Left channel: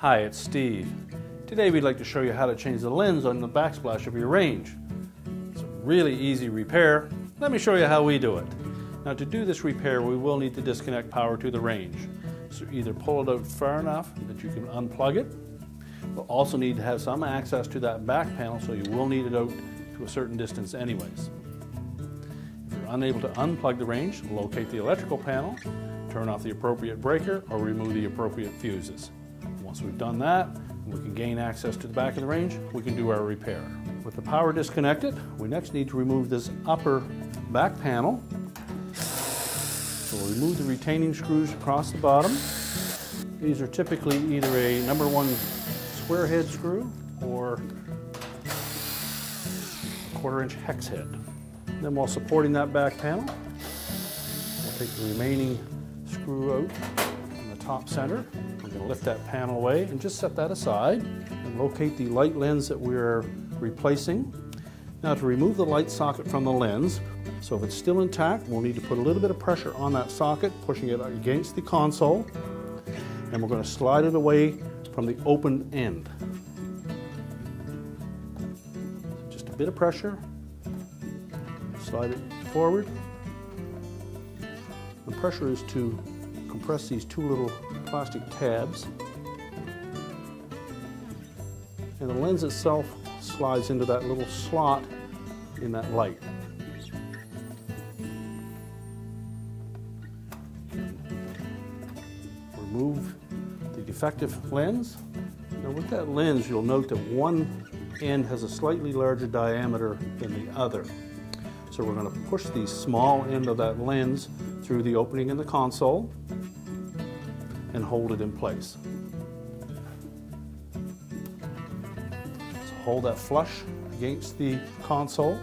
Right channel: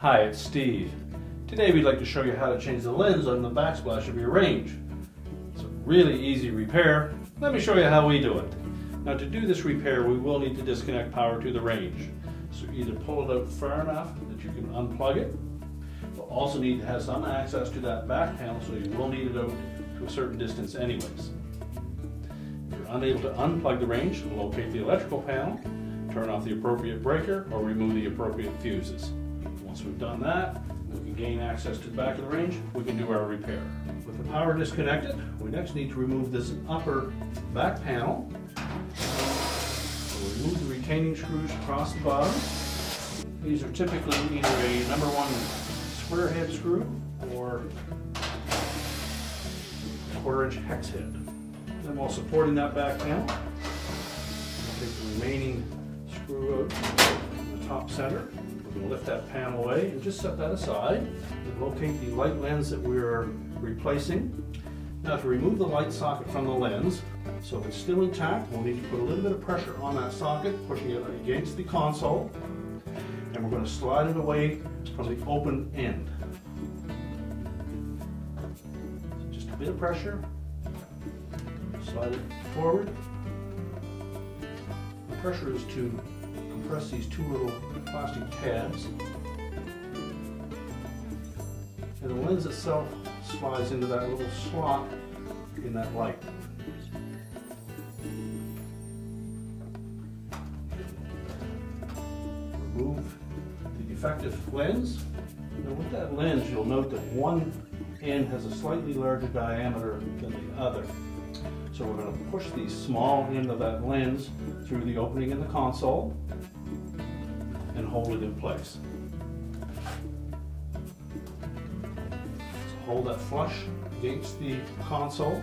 Hi, it's Steve. Today we'd like to show you how to change the lens on the backsplash of your range. It's a really easy repair. Let me show you how we do it. Now to do this repair we will need to disconnect power to the range. So either pull it out far enough that you can unplug it. We'll also need to have some access to that back panel, so you will need it out to a certain distance anyways. If you're unable to unplug the range, locate the electrical panel, turn off the appropriate breaker or remove the appropriate fuses. Once we've done that, we can gain access to the back of the range, we can do our repair. With the power disconnected, we next need to remove this upper back panel. So we'll remove the retaining screws across the bottom. These are typically either a number 1 square head screw or a 1/4-inch hex head. Then while supporting that back panel, we'll take the remaining screw out in the top center. We'll lift that panel away and just set that aside and locate the light lens that we're replacing. Now to remove the light socket from the lens, so if it's still intact, we'll need to put a little bit of pressure on that socket, pushing it against the console, and we're going to slide it away from the open end. Just a bit of pressure, slide it forward. The pressure is to compress these 2 little plastic tabs, and the lens itself slides into that little slot in that light. Remove the defective lens. Now with that lens, you'll note that one end has a slightly larger diameter than the other. So we're going to push the small end of that lens through the opening in the console and hold it in place. So hold that flush against the console.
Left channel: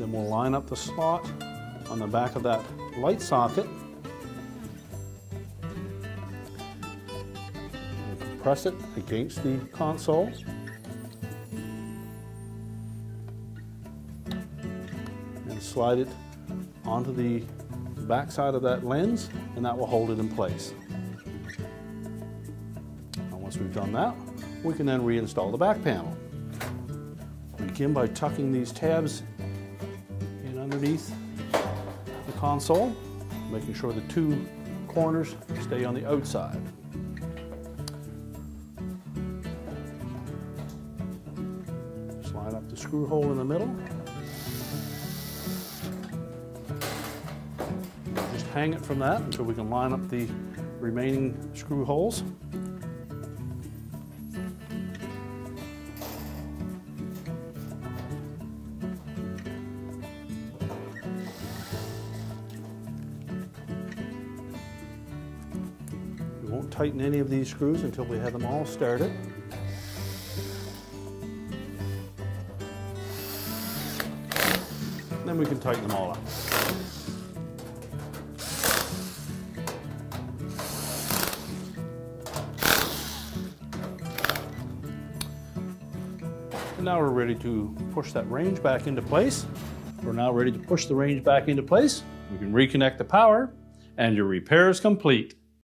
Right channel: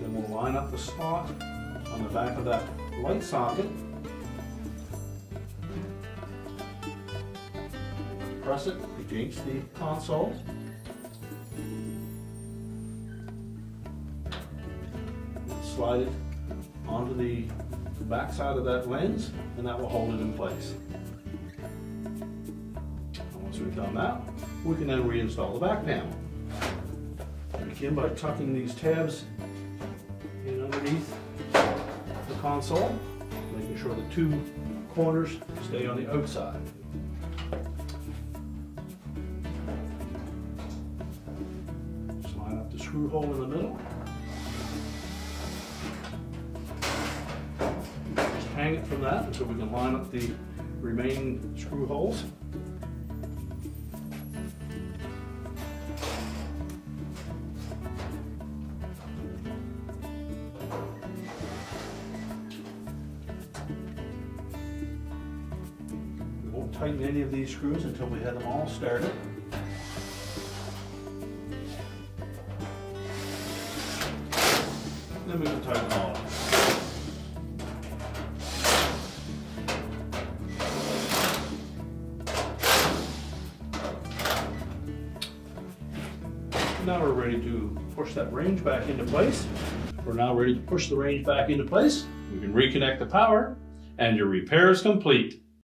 Then we'll line up the slot on the back of that light socket. Press it against the console. And slide it onto the back side of that lens, and that will hold it in place. Once we've done that, we can then reinstall the back panel. Begin by tucking these tabs in underneath the console, making sure the 2 corners stay on the outside. Slide up the screw hole in the middle. Just hang it from that until we can line up the remaining screw holes. Tighten any of these screws until we have them all started. Then we can tighten them all up. Now we're ready to push that range back into place. We're now ready to push the range back into place. We can reconnect the power and your repair is complete.